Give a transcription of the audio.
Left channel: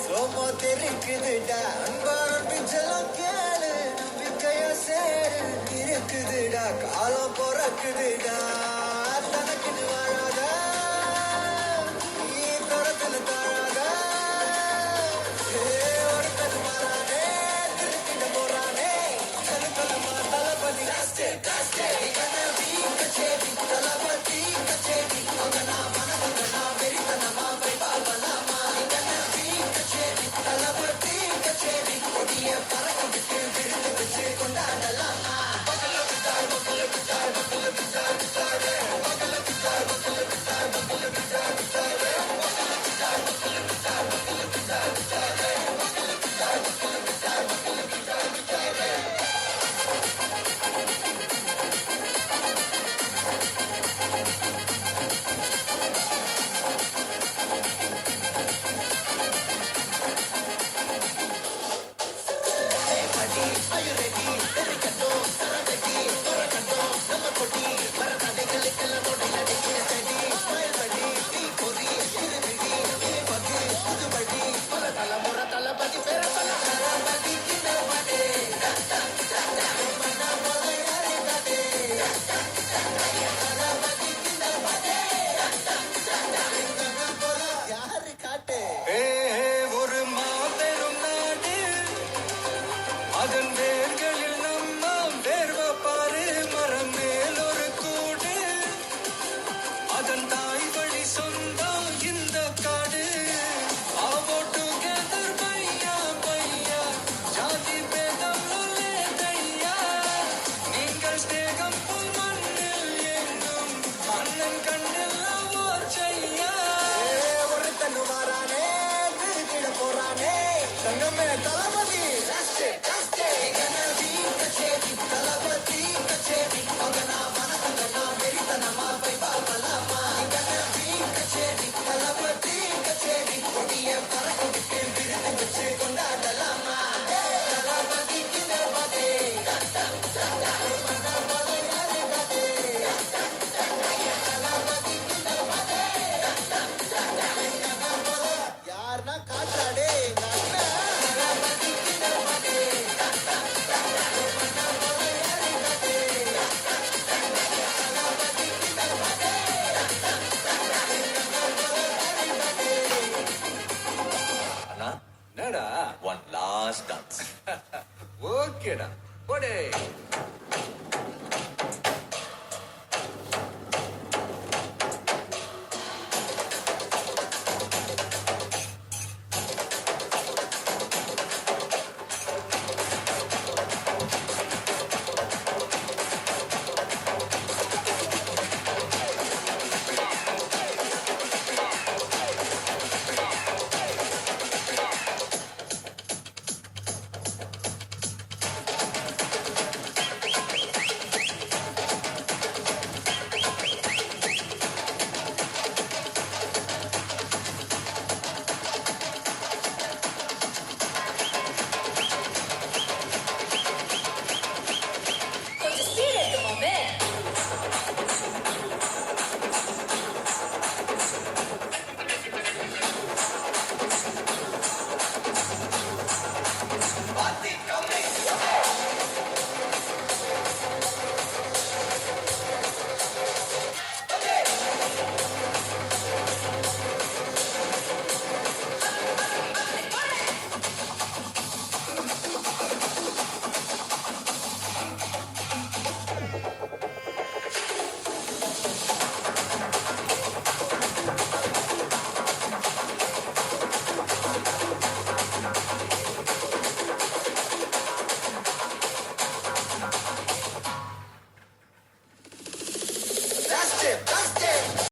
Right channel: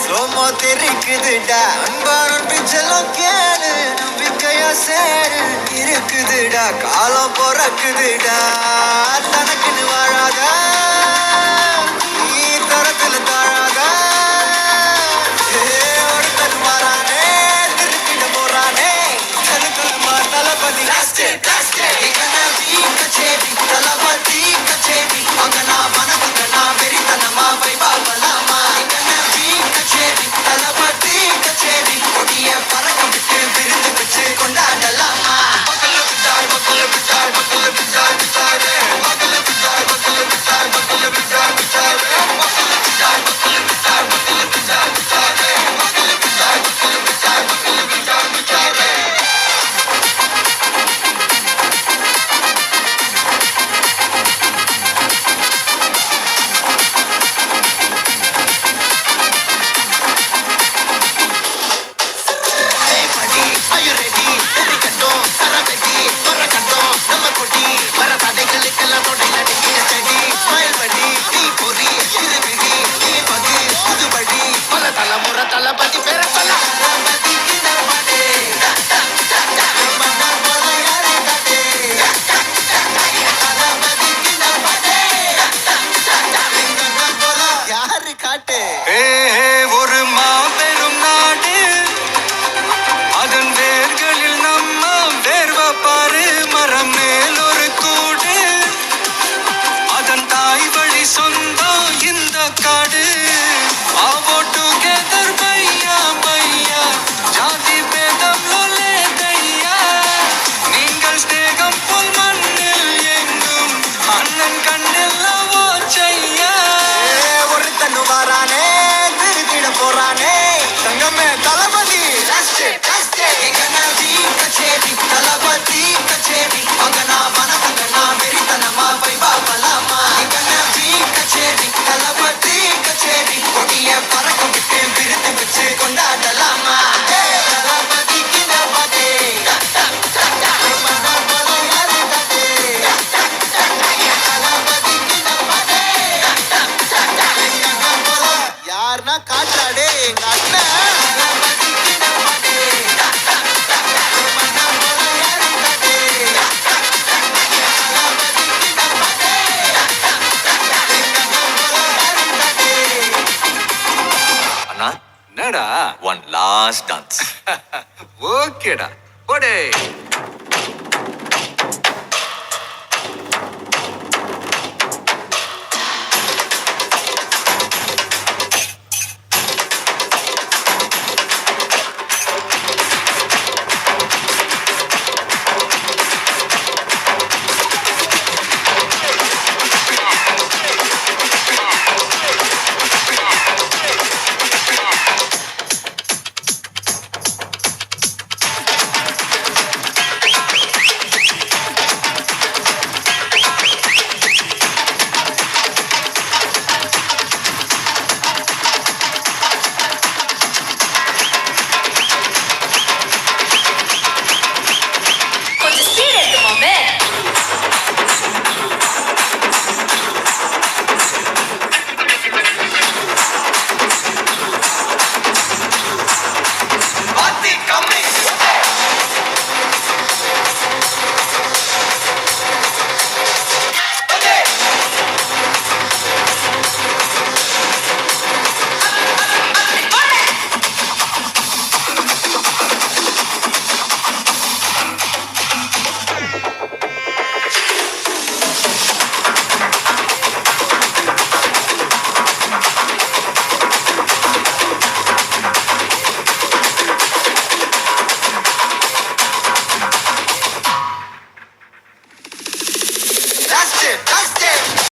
Slo-mo தெரிக்குதுடா அன்பான பிச்செல்லாம் கேளு நம்பிக்கையா சேரு இருக்குதுடா காலம் பிறக்குதுடா தனக்குன்னு வாழாத நீ தரத்துல தாழாத ஒருத்தன் மாறானே திருப்பிட்டு போறானே தனக்குமா தளபதி கச்சேரி தளபதி கச்சேரி அங்கனா மனதுங்கனா வெறித்தனமா வைபாவலாமா கச்சேரி தளபதி கச்சேரி கொடிய பறக்க விட்டு விருந்து வச்சு கொண்டாடலாமா தளபதி பேர யாரு காட்டு ஒரு மாபெரும் நாடு அதன் வேர்களில் நம்ம வேர்வ பாரு மரம் மேல் ஒரு கூடு அதன் தாய் வழி சொந்தம் இந்த காடு ஆவோ டுகெதர் பையா பையா ஜாதி பேதம் லோலே தையா நீங்கள் ஸ்நேகம் போல் மண்ணில் எங்கும் அண்ணன் கண்ணில் லவோ செய்யா ஒருத்தன் வாரானே திருத்திட போறானே தங்கமே தளபதி கச்சேரி தளபதி கச்சேரி அங்கனா மனதுங்கனா வெறித்தனமா வைபாவலாமா கச்சேரி தளபதி கச்சேரி கொடிய பறக்க விட்டு விருந்து வச்சு கொண்டாடலாமா தளபதிக்கு நபதே யாருன்னா காட்டுறாடே எங்க அண்ணன் அண்ணா என்னடா One last dance. ஓகேடா போடே